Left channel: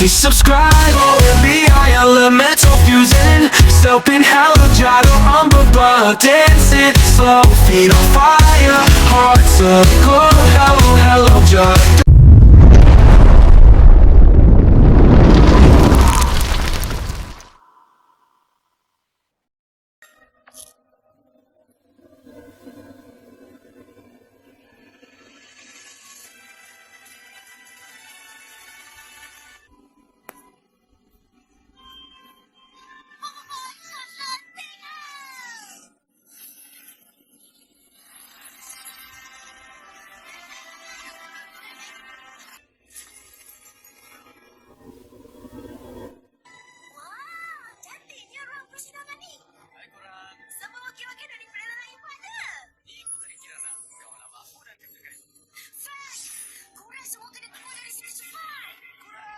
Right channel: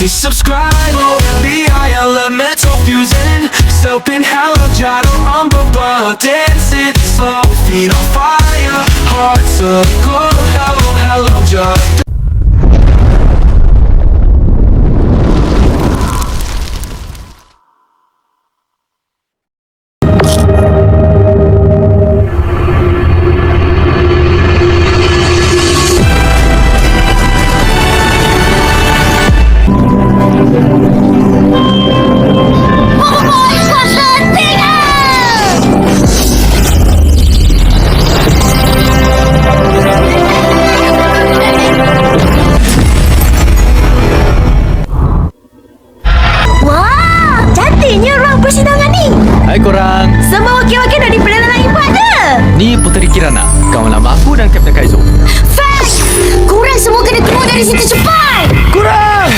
Please subscribe, OMBI elemental fusion Soapin hella jado on BoBoiBoy Dancing slow, feet on fire Hearts of gold, hello joy. Persidangan ni. Hai korang. Semua wakil-wakil dah diperdana hebat je. Ni Puteri Kirana, kawan lama aku dan Kapten Kaizo. Flash! Korang semua kena keluar dari situ cepat. Korang!